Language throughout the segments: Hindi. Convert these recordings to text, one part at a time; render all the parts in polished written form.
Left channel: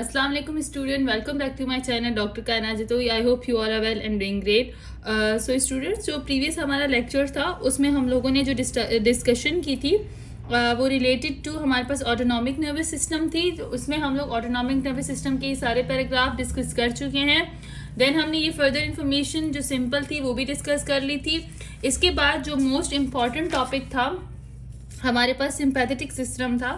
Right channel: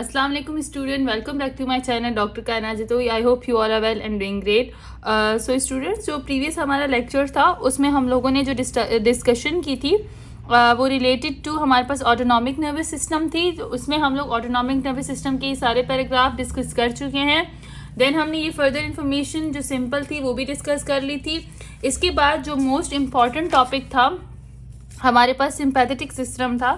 अस्सलाम वालेकुम student, welcome back to my channel doctor Kainat Jatoi. I hope you are well and doing great. So students, जो प्रीवियस हमारा लेक्चर था उसमें हम लोगों ने जो डिस्कशन की थी वो रिलेटेड टू हमारे पास ऑटोनॉमिक नर्वस सिस्टम थी। तो उसमें हम लोग ऑटोनॉमिक नर्वस सिस्टम के सारे पैराग्राफ डिस्कस कर चुके हैं। देन हमने ये फर्दर इन्फॉर्मेशन जो सिंपल थी वो भी डिस्कस कर ली थी। इसके बाद जो मोस्ट इम्पॉर्टेंट टॉपिक था हमारे पास सिंपैथेटिक सिस्टम था,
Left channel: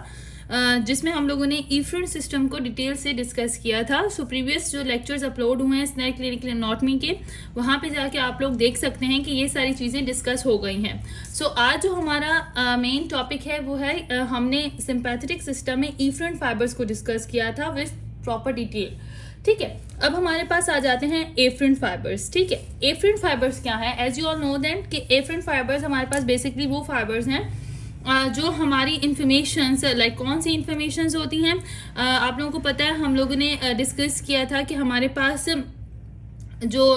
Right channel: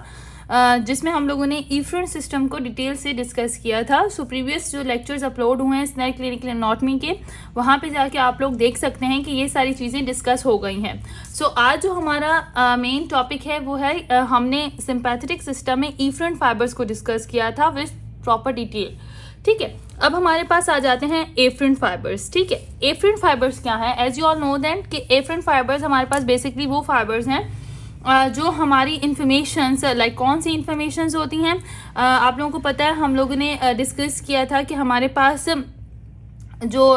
जिसमें हम लोगों ने इफ्रेंट सिस्टम को डिटेल से डिस्कस किया था। सो प्रीवियस जो लेक्चर्स अपलोड हुए हैं स्नेक क्लिनिकल एनाटॉमी के, वहाँ पे जाके आप लोग देख सकते हैं कि ये सारी चीज़ें डिस्कस हो गई हैं। सो आज जो हमारा मेन टॉपिक है वो है हमने सिंपैथेटिक सिस्टम में इफ्रेंट फाइबर्स को डिस्कस किया था विद प्रॉपर डिटेल। ठीक है, अब हमारे पास आ जाते हैं एफरेंट फाइबर्स। ठीक है, एफरेंट फाइबर्स क्या है? As you all know that कि एफरेंट फाइबर्स हमारे पास बेसिकली वो फाइबर्स हैं जो हमारी इंफॉर्मेशंस, लाइक कौन सी इंफॉर्मेशंस होती हैं। आप लोगों को पता है, हम लोगों ने डिस्कस किया था कि हमारे पास जो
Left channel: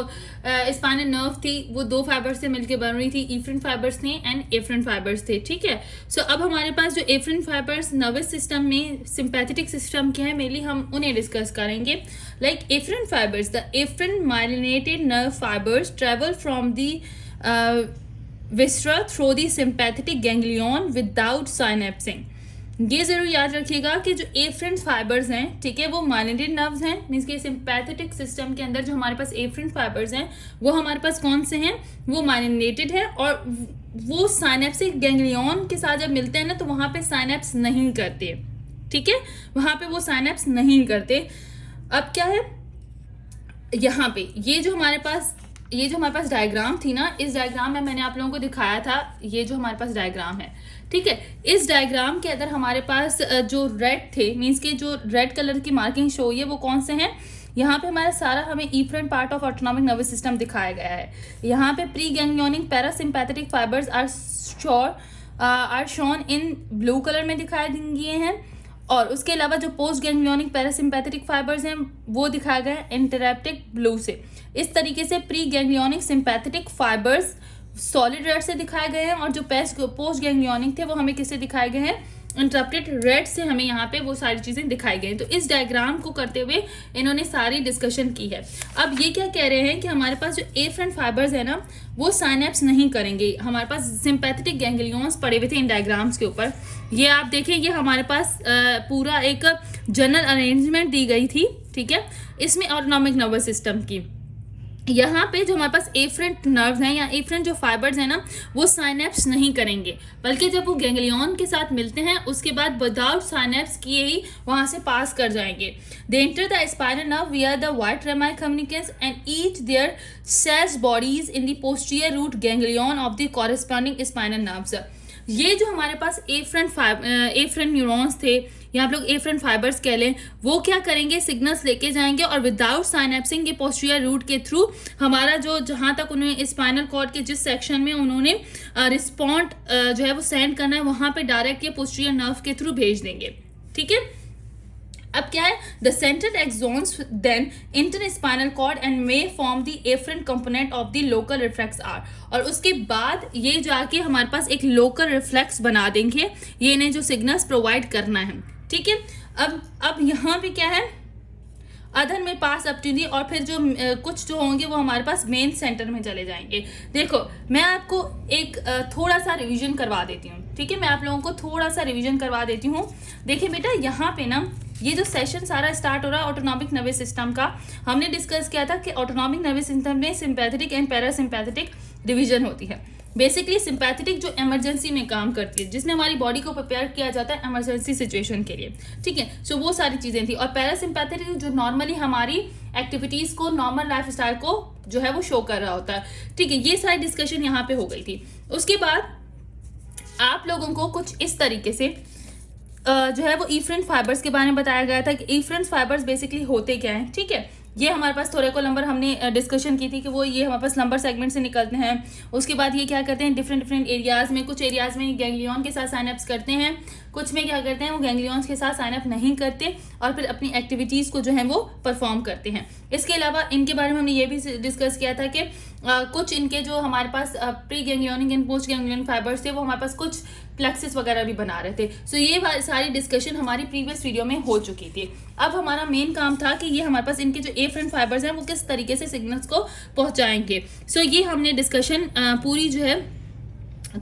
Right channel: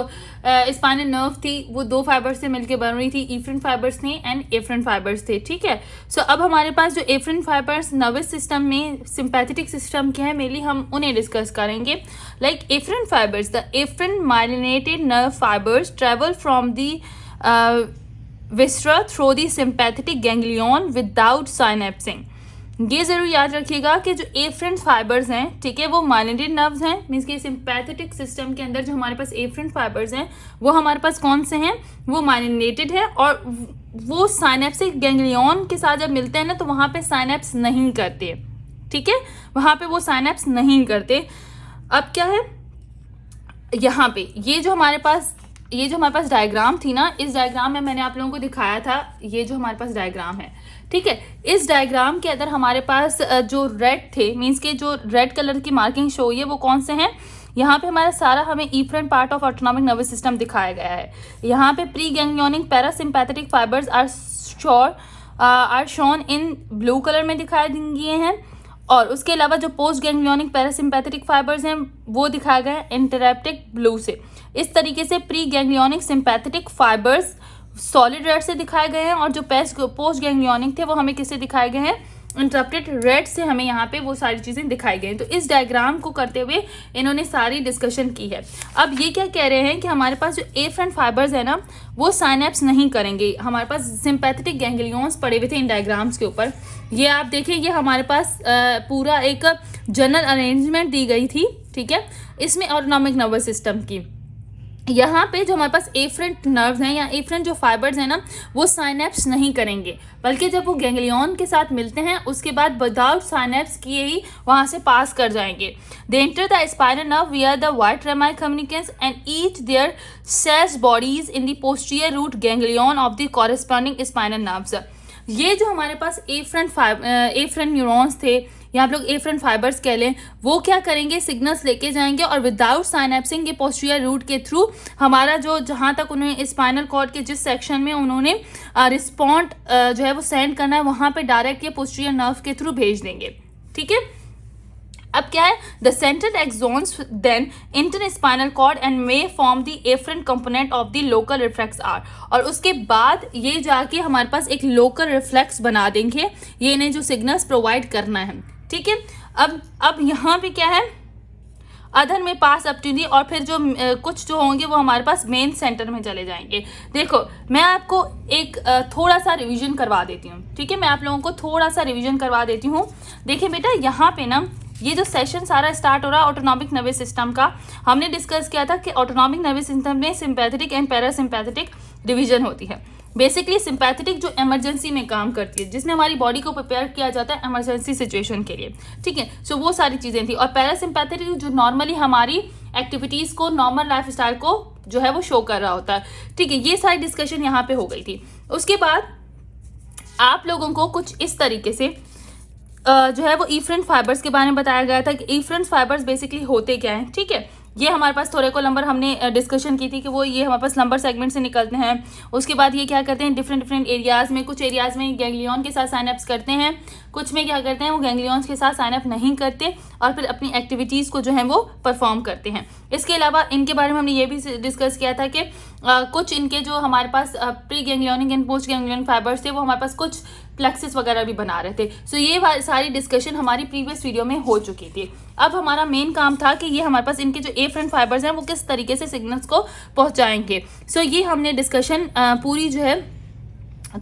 स्पाइनल नर्व थी वो दो फाइबर्स से मिलकर बन रही थी, इफरेंट फाइबर्स थे एंड एफरेंट फाइबर्स थे। ठीक है, सो अब हमारे पास जो एफरेंट फाइबर्स नर्वस सिस्टम में सिंपैथेटिक सिस्टम के हैं, मेनली हम उन्हें डिस्कस करेंगे। Like afferent fibers, the afferent myelinated nerve fibers travel from the viscera through the sympathetic ganglion without synapsing. ये जरूर याद रखिएगा कि जो एफरेंट फाइबर्स हैं, ठीक है, वो माइलिनेटेड नर्व्स हैं। मीन्स के सिंपैथेटिक सिस्टम के अंदर जो हमारे पास एफरेंट फाइबर्स हैं वो हमारे पास कौन से हैं? वो माइलिनेटेड है, और वो साइनेप्सिक गैंग्लियन के साथ जब मिलते हैं ना तो वहाँ पे साइनेप्स नहीं करते। ठीक है, वहाँ पे वो साइनेप्स नहीं करते। अब क्या है यहाँ पे, ये जो हमारे पास डायग्राम थी ना, इस डायग्राम में मैंने आप लोगों को दिखाया था ये जो हमारे पास डायग्राम है। ठीक है, इस डायग्राम के अंदर हमारे पास जो रेड थे, मींस के जो रेड कलर की मार्किंग शो हुई है वो कौन से हैं? यहाँ पे हमारा सारा हमें efferent part of autonomic nervous system दिखाया गया है। यहाँ पे pre ganglionic parasympathetic fibres are shown in blue colour में दिखाए गए हैं, और उसके अलावा जो पोस्ट गैंग्लियोनिक पैरासिम्पैथेटिक फाइबर्स हैं वो दिखाया गया है इंटरैप्टिक ब्लू से। इस तरीके से pre ganglionic sympathetic fibres solid red से दिखाए गए हैं, और जो पोस्ट गैंग्लियोनिक थे वो हमें किससे दिखाए गए हैं? इंटरप्टेड रेड से हमें यहाँ पे वो सारी चीज़ें दिखाई गई हैं। तो इस डायग्राम को करते हुए इन्होंने सारी डिस्कशन की है। अब ये क्या कह रहे हैं कि हमारे पास जो एफरेंट फाइबर्स है ना वो साइनेप्स नहीं करेंगे। हमारे पास सिंपैथेटिक गैंग्लियंस पड़े हुए थे इन डायग्राम्स के ऊपर। ये आप देखें, ये हमारे पास पूरा एक जनरल अरेंजमेंट दी गई थी। ठीक है, इसमें ऑटोनॉमिक नर्वस सिस्टम की यहाँ पे जो हमारे पास एफरेंट नर्व्स हैं या एफरेंट जो फाइबर्स हैं ना वो साइनेप्स नहीं करेंगे, बल्कि जब वो गैंग्लियन के साथ मिलते हैं उसके बाद विदाउट साइनेप्स किए ही वहाँ से पास कर जाएंगे। They enter the spinal nerve via the white rami communicans and each their cell bodies in the posterior root ganglion of the corresponding spinal nerves. ये जो हमारे पास एफरेंट न्यूरॉन्स थे या आप लोग एफरेंट फाइबर्स कह लें, वो क्या करेंगे? सिग्नल्स लेके जाएंगे और विदाउट साइनेप्सिंग के पोस्टीरियर रूट के थ्रू हमारा जो जहाँ तक उन्हें स्पाइनल कॉर्ड के जिस सेक्शन में उन्होंने रिस्पॉन्ड जो है वो सेंड करना है वहाँ पे डायरेक्ट ये पोस्टीरियर नर्व के थ्रू भेज देंगे। ठीक है, अब क्या है? The central axons then enter spinal cord and may form the afferent component of the local reflex arc, और उसके बाद ये जाके हमारे पास एक लोकल रिफ्लेक्स बना देंगे, ये इन्हें जो सिग्नल्स प्रोवाइड करना है। ठीक है, अब यहाँ पे क्या है? अदर में पास अप टू दी, और फिर जो कुछ जो होंगे वो हमारे पास मेन सेंटर में चले जाएंगे। देखो, मैं आपको एक थोड़ा सा रिवीजन करवा देती हूँ। ठीक है, मैं आप लोगों को थोड़ा सा रिवीजन करवा देती हूँ। देखिए बेटा, यहाँ पे ना ये जो सेशन सारा स्टार्ट हो रहा है ऑटोनॉमिक नर्वस सिस्टम का, हमने डिस्कस किया था कि ऑटोनॉमिक नर्वस सिस्टम में सिंपैथेटिक एंड पैरासिम्पैथेटिक डिवीजन होती है। बेसिकली सिंपैथेटिक जो इमरजेंसी में काम करती है, जिसमें हमारी बॉडी को प्रिपेयर किया जाता है इमरजेंसी सिचुएशन के लिए। ठीक है, सो वो सारी चीज़ें थी। और पैरासिम्पैथेटिक जो नॉर्मली हमारी एक्टिविटीज़ को, नॉर्मल लाइफ स्टाइल को जो है वो शो कर रहा होता है। ठीक है, ये सारी डिस्कशन यहाँ पे हो गई थी। उसके बाद आप लोगों को कुछ इस तरीके से जो है वो इफरेंट फाइबर्स के बारे में बताया गया था कि इफरेंट फाइबर्स बेसिकली होते क्या हैं। ठीक है, ये हमारे पास थोड़े को लंबर हमने डिस्कशन की थी कि वो ये हमारे पास लंबर सेगमेंट से निकलते हैं। उसके बाद ये क्या करते हैं? डिफरेंट एरियाज में, कुछ एरियाज में गैंग्लियन के साथ साइनअप्स करते हैं, कुछ में क्या करते हैं वो गैंग्लियंस के साथ साइनअप नहीं करते और फिर अपनी एक्टिविटीज़ को जो है वो परफॉर्म करते हैं। इसके अलावा इनके बारे में हमने ये भी डिस्कस किया था कि कुछ इनके जो हमारे पास pre ganglionic and post ganglionic fibers थे वो हमारे पास कुछ प्लेक्सिस वगैरह भी बना रहे थे। सो ये सारी डिस्कशन हमारी प्रीवियस वीडियो में हो चुकी थी। अब हमारा मेन काम था कि ये हमारे पास इनके जो एफरेंट फाइबर्स हैं वो किस तरीके से सिग्नल्स को पहुंचाएंगे। सो ये हमने डिस्कशन पूरी जो है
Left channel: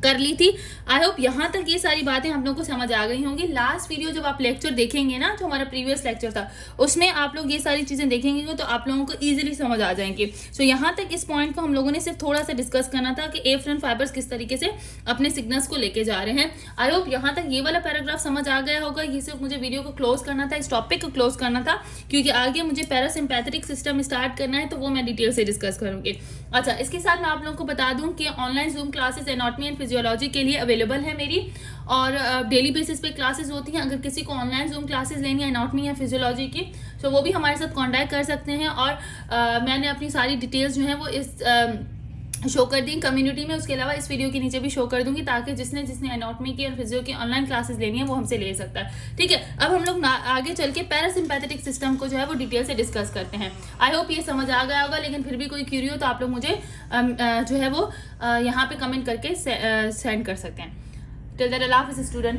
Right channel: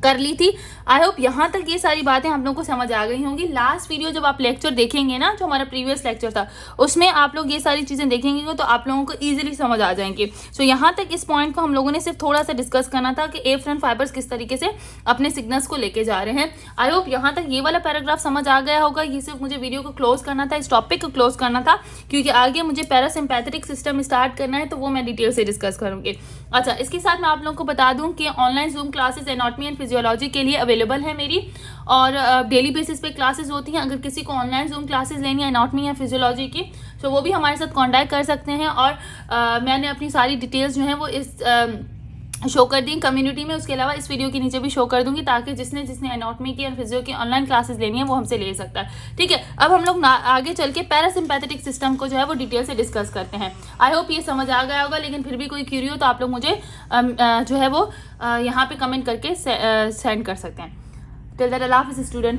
कर ली थी। आई होप यहाँ तक ये सारी बातें आप लोगों को समझ आ गई होंगी। लास्ट वीडियो जब आप लेक्चर देखेंगे ना, जो हमारा प्रीवियस लेक्चर था, उसमें आप लोग ये सारी चीज़ें देखेंगे तो आप लोगों को ईजिली समझ आ जाएंगी। सो यहाँ तक इस पॉइंट को हम लोगों ने सिर्फ थोड़ा सा डिस्कस करना था कि एफरेंट फाइबर्स किस तरीके से अपने सिग्नल्स को लेके जा रहे हैं। आई होप यहाँ तक ये वाला पैराग्राफ समझ आ गया होगा। ये सिर्फ मुझे वीडियो को क्लोज करना था, इस टॉपिक को क्लोज करना था, क्योंकि आगे मुझे पैरासिम्पैथेटिक सिस्टम स्टार्ट करना है, तो वो मैं डिटेल से डिस्कस करूँगी। अच्छा, इसके साथ मैं आप लोगों को बता दूं कि online zoom classes anatomy and physiology के लिए अवेलेबल है मेरी, और डेली बेसिस पे क्लासेस होती हैं। अगर किसी को ऑनलाइन जूम क्लासेस लेनी है एनाटॉमी या फिजियोलॉजी की, तो वो भी हमारे साथ कांटेक्ट कर सकते हैं। और मैंने अपनी सारी डिटेल्स जो हैं वो इस शो कर दी कम्युनिटी में। उसके अलावा इस वीडियो के नीचे भी शो कर दूंगी, ताकि जिसने एनाटॉमी की और फिजियो की ऑनलाइन क्लासेस लेनी है वो हमसे ले सकता है। ठीक है, अब हम लोग आगे चल के पैरासिम्पैथेटिक सिस्टम को जो है वो डिटेल से डिस्कस करते हैं। आई होप ये समझ आ गया होगा, लेकिन फिर भी कोई क्यूरी हो तो आप लोग मुझे जो है वो यहाँ पे कमेंट करके सेंड कर सकते हैं। टिल दैट, अल्लाह हाफिज़ स्टूडेंट।